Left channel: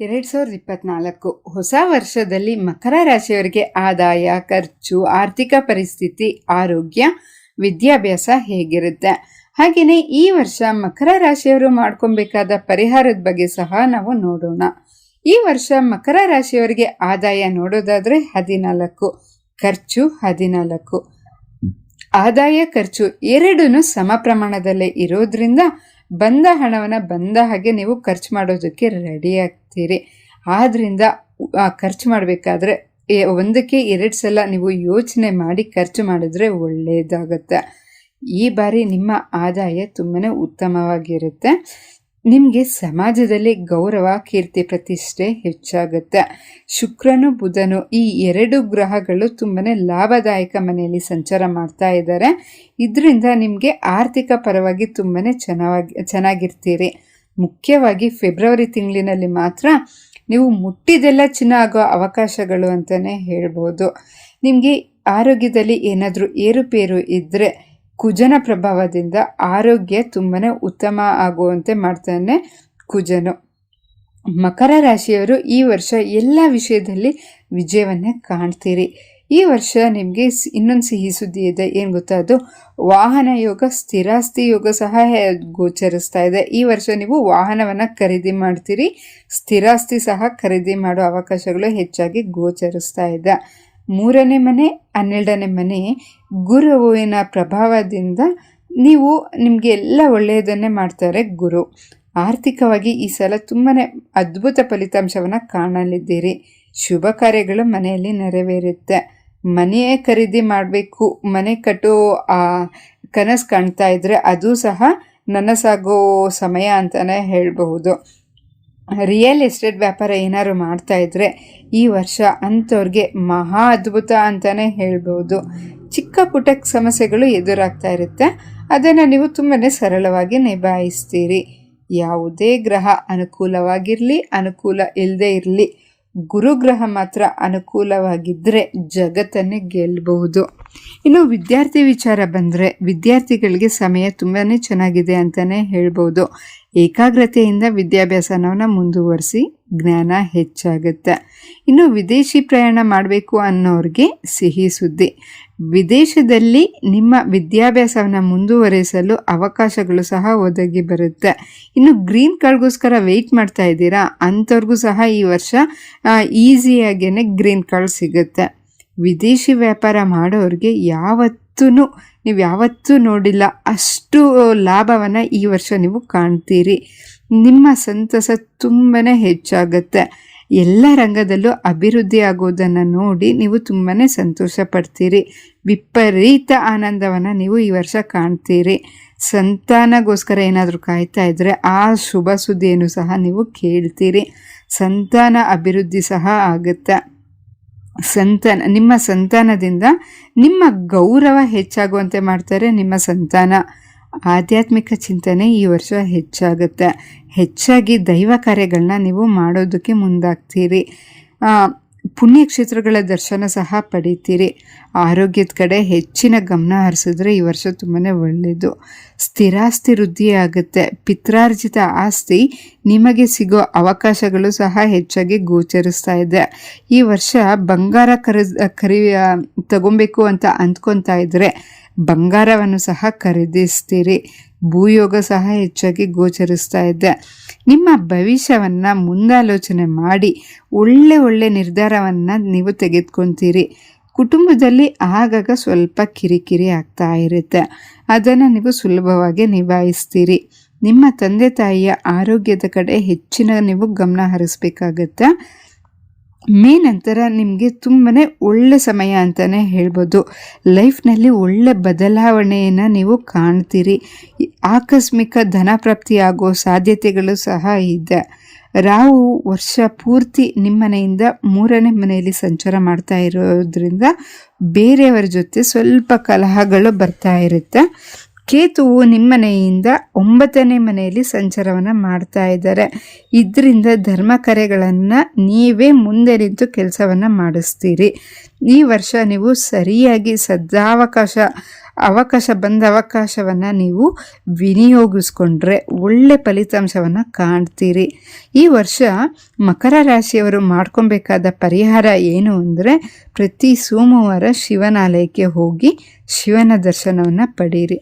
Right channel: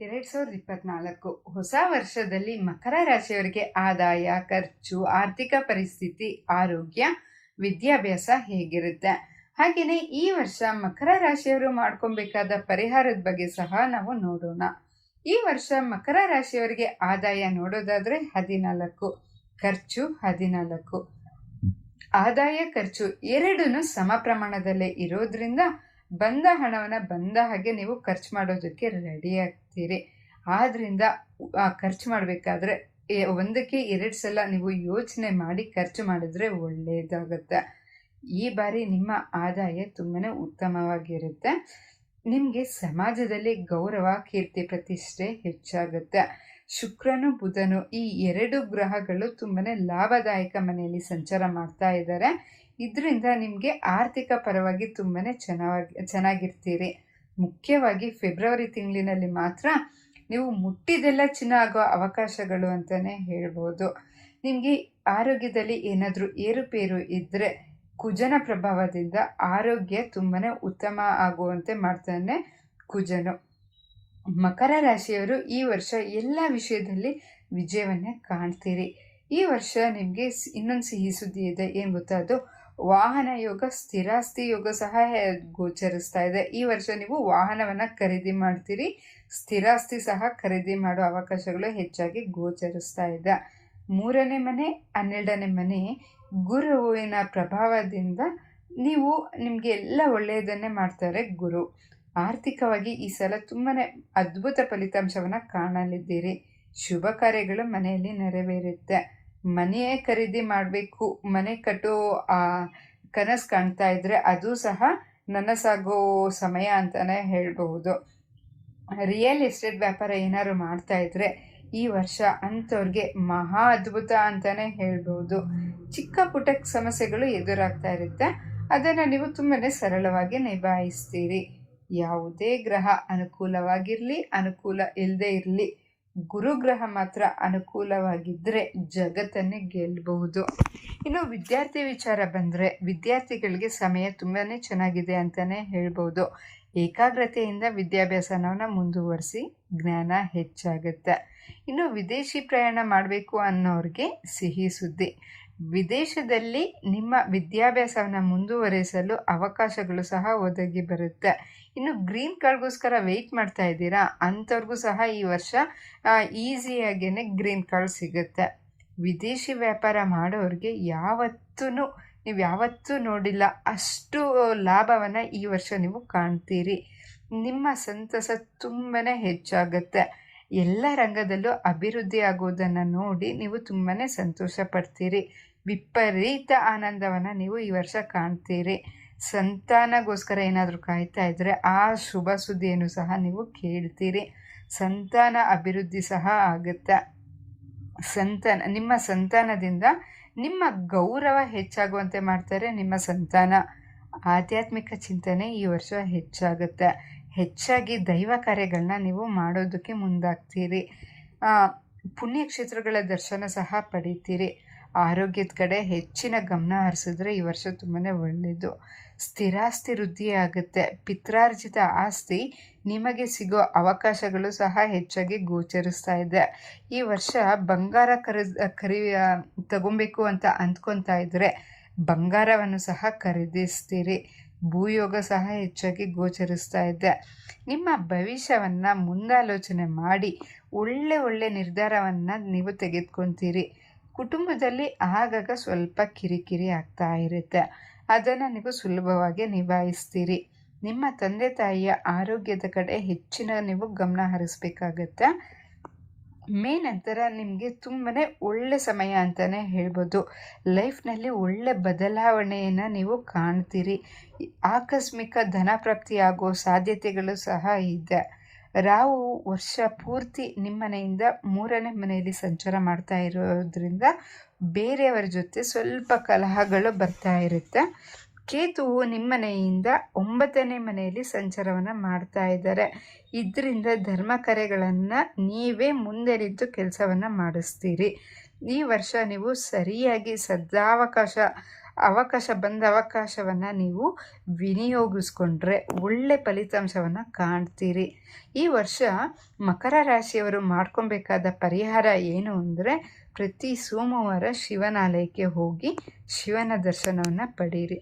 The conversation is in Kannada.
ಎರಡು ಸಾವಿರದ ಇಪ್ಪತ್ನಾಲ್ಕು ಹೊಸ ವರ್ಷದಲ್ಲಿ ಮಕರ ರಾಶಿಯವರಿಗೆ ಆದಾಯ, ಖರ್ಚು, ಆರ್ಥಿಕ ಪರಿಸ್ಥಿತಿ, ಆರೋಗ್ಯ, ವಿದ್ಯಾಭ್ಯಾಸ ಹೇಗಿರುತ್ತೆ? ಹಾಗೆಯೇ ಈ ವರ್ಷ ಮಕರ ರಾಶಿಯವರು ಮಾಡ್ಕೊಬೇಕಾದ ಪರಿಹಾರದ ಬಗ್ಗೆ ಸಹ ನಾವು ನೋಡೋಣ. ಈ ವರ್ಷ ಮಕರ ರಾಶಿಯವರಿಗೆ ಆದಾಯ ನೋಡೋದಾದರೆ ಹದಿನಾಲ್ಕು, ಖರ್ಚು ಹದಿನಾಲ್ಕು. ಆದಾಯ, ಖರ್ಚು ಎರಡೂ ಸಮ ಪ್ರಮಾಣದಲ್ಲೇ ಇರೋದ್ರಿಂದ ಬಂದ ಹಣವನ್ನು ಬಂದ ಹಾಗೆ ನೀವು ಖರ್ಚು ಮಾಡೋದಕ್ಕೆ ರೆಡಿ ಆಗ್ತೀರಿ. ಆದ್ದರಿಂದ ಖರ್ಚು ಮಾಡಬೇಕಾದ್ರೆ ಒಂದಕ್ಕೆ ಎರಡು ಸಲ ನೀವು ಯೋಚನೆ ಮಾಡಿ ಖರ್ಚು ಮಾಡಿದ್ರೆ ಒಳ್ಳೆಯದಾಗುತ್ತೆ ಈ ಬಾರಿ ನಿಮ್ಮ ಆದಾಯ ತುಂಬಾ ಉತ್ತಮವಾಗಿರುತ್ತೆ. ನಿಮಗೆ ಸಮಾಜದಲ್ಲಿ ಗೌರವ, ಕೀರ್ತಿ, ಪ್ರತಿಷ್ಠೆ ಹೆಚ್ಚಾಗುತ್ತೆ. ಶುಕ್ರನು, ಬುಧನು ಈ ಎರಡು ಗ್ರಹಗಳು ತುಂಬಾ ಲಾಭದಾಯಕ ಮನೆಯಲ್ಲಿ ಸಂಚಾರ ಮಾಡ್ತಾ ಇದ್ದಾರೆ. ಇದರಿಂದ ನಿಮಗೆ ಆರ್ಥಿಕ ಪರವಾಗಿ ತುಂಬಾ ಚೆನ್ನಾಗಿ, ಚೆನ್ನಾಗಿರ್ತೀರಿ. ಮುಖ್ಯವಾಗಿ ಫೆಬ್ರವರಿ ತಿಂಗಳಿನಲ್ಲಿ ಮಾತ್ರ ನೀವು ಮುಟ್ಟಿದೆಲ್ಲ ಚಿನ್ನ ಆಗೋ ಅವಕಾಶಗಳು ಅಂತಲೇ ಹೇಳ್ಬೋದು. ನಿಮಗೆ ಆರೋಗ್ಯದಲ್ಲಿ ಏನಾದರೂ ಏರುಪೇರು ಇದ್ದರೆ ಕುಜನ ಪ್ರಭಾವದಿಂದ ಆರೋಗ್ಯ ತುಂಬಾ ಉತ್ತಮ ಆಗುವಂತೆ ಮಾಡ್ತಾನೆ ಕುಜನು. ಮಕರ ರಾಶಿಯವರು ಈ ವರ್ಷ ಎಲ್ಲ ವಿಷಯದಲ್ಲಿ ವಿಜಯವನ್ನೇ ಕಾಣ್ತೀರಿ. ಈ ವರ್ಷ ನಿಮಗೆ ಇನ್ನೊಂದು ಸಿಹಿ ಸುದ್ದಿ ಇದೆ, ಏನು ಗೊತ್ತಾ ಅದು? ವಾಹನ ಯೋಗ, ಸ್ಥಿರಾಸ್ತಿ ಯೋಗ ಸಹ ಗೋಚರಿಸ್ತಾ ಇದೆ. ಈ ವರ್ಷ ನೀವು ವಾಹನವನ್ನು ಖರೀದಿ ಮಾಡ್ತೀರಿ. ಸ್ಥಿರಾಸ್ತಿ ಸಹ ಖರೀದಿ ಮಾಡೋ ಅವಕಾಶಗಳು ಹೆಚ್ಚಾಗಿ ಗೋಚರಿಸ್ತಾ ಇದೆ. ಮೂರನೇ ಮನೆ, ಹನ್ನೆರಡನೇ ಮನೆ ಗುರುವಿನ ಪ್ರಭಾವದಿಂದ ನೀವು ನಿಮಗೆ ಎಲ್ಲ ಒಳ್ಳೆಯದನ್ನೇ ಮಾಡ್ತಾರೆ ಗುರು. ಆರ್ಥಿಕವಾಗಿ ಈ ಸಲ ತುಂಬಾ ಅದ್ಭುತ ಫಲಿತಾಂಶವನ್ನು ಕಾಣಲಿದ್ದೀರಿ. ಶುಭ ಕಾರ್ಯಗಳು ಮನೆಯಲ್ಲಿ ನೆರವೇರುತ್ತೆ. ಮನೆಯೇ ಖರೀದಿ ಮಾಡಬೇಕು, ಮನೆ ಕಟ್ಟೋ ಕನಸು ಕಾಣ್ತಾ ಇದ್ದರೆ ಅದು ಸಹ ನನಸಾಗೋ ಸಮಯ ಅಂತಲೇ ಹೇಳಬಹುದು. ರಿಯಲ್ ಎಸ್ಟೇಟ್ ವ್ಯಾಪಾರ ಏನಾದ್ರು ಮಾಡ್ತಾಯಿದ್ರೆ ಈ ವರ್ಷ ಅಂಥವ್ರಿಗೆ ಮಹಾ ಅದ್ಭುತ ಅಂತಲೇ ಹೇಳ್ಬೋದು. ಚಿಕ್ಕ ಪುಟ್ಟ ಸಮಸ್ಯೆಗಳು ಎದುರಾಗ್ತಾ ಇರುತ್ತೆ. ಅದನ್ನು ನೀವು ತುಂಬಾ ಸರಳವಾಗಿ ನಿಭಾಯಿಸ್ತೀರಿ. ಯಾವುದೇ ಗ್ರಹ ಅನುಕೂಲವಾಗಿರಲಿ, ಅನುಕೂಲ ಇಲ್ಲದೆ ಇರಲಿ, ಗುರುಗ್ರಹ ಮಾತ್ರ ಅನುಕೂಲವಾಗಿದ್ದರೆ ಜಗತ್ತನ್ನೇ ಗೆಲ್ಲಬಹುದು ಇನ್ನು ವಿದ್ಯಾರ್ಥಿ ವಿಚಾರ ಬಂದರೆ ವಿದ್ಯಾರ್ಥಿಗಳಿಗೆ ಸಮಯ ತುಂಬಾ ಚೆನ್ನಾಗಿದೆ ಅಂತಲೇ ಹೇಳ್ಬೋದು. ಏಕಾಗ್ರತೆಯಿಂದ ವಿದ್ಯಾಭ್ಯಾಸನವನ್ನು ಮುಂದುವರಿಸಿ ಜ್ಞಾನ ಹೆಚ್ಚಾಗುತ್ತೆ. ಇನ್ನು ವಿದೇಶಿ ಪ್ರಯಾಣ ಮಾಡಬೇಕು ಅನ್ನೋರಿಗೆ ಸಿಹಿ ಸುದ್ದಿ. ವಿದೇಶದಲ್ಲಿ ನಿಮ್ಮ ವಿದ್ಯಾಭ್ಯಾಸವನ್ನು ಮುಂದುವರಿಸಲು ಅವಕಾಶಗಳು ಸಹ ಒದಗಿ ಬರುತ್ತೆ. ಇನ್ನು ಗ್ರೀನ್ ಕಾರ್ಡ್ಗೋಸ್ಕರ ವೆಯ್ಟ್ ಮಾಡ್ತಾ ಇದ್ದೀರಾ? ಅಂಥವ್ರಿಗೂ ಸಹ ಈ ವರ್ಷ ಈಸಿಯಾಗೇ ಗ್ರೀನ್ ಕಾರ್ಡ್ ಸಿಗುತ್ತೆ. ವಿದೇಶಿ ವ್ಯಾಪಾರ ಮಾಡೋರಿಗೆ ಯಾವತ್ತೂ ನೀವು ಯಾವತ್ತೂ ನೋಡಿಲ್ಲ ಅಷ್ಟು ಲಾಭವನ್ನು ಈ ವರ್ಷ ನೀವು ಕಾಣ್ತೀರಿ. ನಿಮ್ಮ ಸಂತಸ ತುಂಬಾ ಹೆಚ್ಚಾಗುತ್ತೆ. ಎಲ್ಲ ರಂಗದಲ್ಲೂ ಅಭಿವೃದ್ಧಿ ಆಗೋದನ್ನು ನೋಡಿ ನೀವು ತುಂಬಾ ಸಂತೋಷ ಪಡ್ತೀರಿ. ವಿಪರೀತ ಆನಂದವನ್ನು ನೀವು ಈ ವರ್ಷ ಕಾಣ್ತೀರಿ. ಸಂತಾನಗೋಸ್ಕರ ಏನಾದರೂ ಕಾಯ್ತಾ ಇದ್ದರೆ ಆ ಶುಭ ಸುದ್ದಿಯನ್ನು ಸಹ ನೀವು ಕೇಳ್ತೀರಿ. ಸಂತಾನ ಅಭಿವೃದ್ಧಿ ಸಹ ಆಗುತ್ತೆ. ಸಂತಾನ, ನಿಮ್ಮ ಸಂತಾನದಿಂದ ನಿಮ್ಮ ಗೌರವ ಹೆಚ್ಚಾಗುವಂತೆ ಮಾಡ್ತಾರೆ ನಿಮ್ಮ ಸಂತಾನ. ಆಧ್ಯಾತ್ಮಿಕ ಚಿಂತನೆ ಈ ವರ್ಷ ಹೆಚ್ಚಾಗುತ್ತೆ. ಹೆಚ್ಚಾಗಿ ದೈವ ಕಾರ್ಯಗಳನ್ನ ನೀವು ಮಾಡೋದಕ್ಕೆ ಮುಂದಾಗ್ತೀರಿ. ಪುಣ್ಯಕ್ಷೇತ್ರಗಳ ದರ್ಶನ ಸಹ ಪಡಿತೀರಿ. ಆರೋಗ್ಯದ ಕಡೆ ಹೆಚ್ಚಿನ ಗಮನ ಹರಿಸಿದ್ರೆ ಈ ವರ್ಷ ತುಂಬಾ ಒಳ್ಳೆಯದು ಸ್ಥಿರಾಸ್ತಿ ವೃದ್ಧಿ ಆಗುತ್ತೆ ಪಿತ್ರಾರ್ಜಿತ ಆಸ್ತಿ ನಿಮಗೆ ಸಿಗೋ ಅವಕಾಶಗಳು ಸಹ ಹೆಚ್ಚಾಗಿ ಗೋಚರಿಸ್ತಾ ಇದೆ. ಈ ವರ್ಷ ಬಂಗಾರ ಕರ ಖರೀ ತಗೊಬೇಕು ಅಂತ ಅಂದ್ಕೊತಾ ಇದ್ದರೆ ಬಂಗಾರವನ್ನು ಸಹ ಖರೀದಿಸ್ತೀರಿ. ಭೂಯೋಗ ಸಹ ಹೆಚ್ಚಾಗಿ ಗೋಚರಿಸ್ತಾ ಇದೆ. ನಿಮ್ಮ ಭವಿಷ್ಯವನ್ನು ಮುಂದಾಲೋಚನೆ ಮಾಡಿ ಒಳ್ಳೆ ಒಳ್ಳೆ ನಿರ್ಧಾರವನ್ನು ನೀವು ತೆಗೆದುಕೊತೀರಿ. ಕುಟುಂಬದಲ್ಲಿ ಆಗಾಗ ಸ್ವಲ್ಪ ಕಿರಿಕಿರಿ ಆಗ್ತಾ ಇರುತ್ತೆ. ಅದನ್ನು ನೀವು ಸುಲಭವಾಗಿ ನಿಭಾಯಿಸ್ತೀರಿ. ನಿಮ್ಮ ತಂದೆ ತಾಯಿಯ ಆರೋಗ್ಯದ ಕಡೆ ಹೆಚ್ಚಿನ ನೀವು ಗಮನ ಹರಿಸ್ಬೇಕಾಗತ್ತೆ? ಮೇ ನಂತರ ನಿಮಗೆ ತುಂಬಾ ಒಳ್ಳೆ ಸಮಯ ಅಂತಲೇ ಹೇಳ್ಬೋದು. ಲೈಫ್ನಲ್ಲಿ ಒಳ್ಳೆ ಬದಲಾವಣೆಯನ್ನು ನೀವು ಕಾಣ್ತೀರಿ. ಆಕಸ್ಮಿಕ ಧನ ಆಗೋ ಸಾಧ್ಯತೆಗಳು ಸಹ ಇದೆ. ರಾವು ವರ್ಷ ಪೂರ್ತಿ ನಿಮ್ಮನೆಯಿಂದ ಮೂರನೇ ಮನೆಯಲ್ಲಿ ಸಂಚಾರ ಮಾಡ್ತಾ ಇರೋದ್ರಿಂದ ಬೇರೆಯವರ ಜೊತೆ ಸ್ವಲ್ಪ ಕಲಹಗಳು ಬರ್ತಾ ಇರುತ್ತೆ. ಕೇತುವು ನಿಮ್ಮನೆಯಿಂದ ಒಂಬತ್ತನೇ ಮನೆಯಲ್ಲಿ ಸಂಚಾರವನ್ನು ಮಾಡ್ತಾ ಇದ್ದಾರೆ. ಇದರಿಂದ ಧರ್ಮ ಕರೆಗಳನ್ನು ನೀವೇ ಮುಂದೆ ನಿಂತು ಕೆಲಸವನ್ನು ಮಾಡಿಸ್ತೀರಿ. ಈ ವರ್ಷ ನೀವು ಸರಿಯಾಗಿ ಸದಾವಕಾಶ ಅವಕಾಶ ಬಂದ ಅವಕಾಶವನ್ನು ನೀವು ವಿನಿಯೋಗಿಸ್ಕೊಂಡ್ರೆ ಒಳ್ಳೆ ಫಲಿತಾಂಶವನ್ನು ಕಾಣ್ತೀರಿ. ಈ ವರ್ಷ ಮಕರ ರಾಶಿಯವರು ಮಾಡ್ಕೊಬೇಕಾದ ಪರಿಹಾರ ಏನು ಅಂದರೆ ಪ್ರತಿ ಸೋಮವಾರ ಶಿವನಾಲಯಕ್ಕೆ ಹೋಗಿ ಶಿವನ ದರ್ಶನವನ್ನು ಪಡೀರಿ.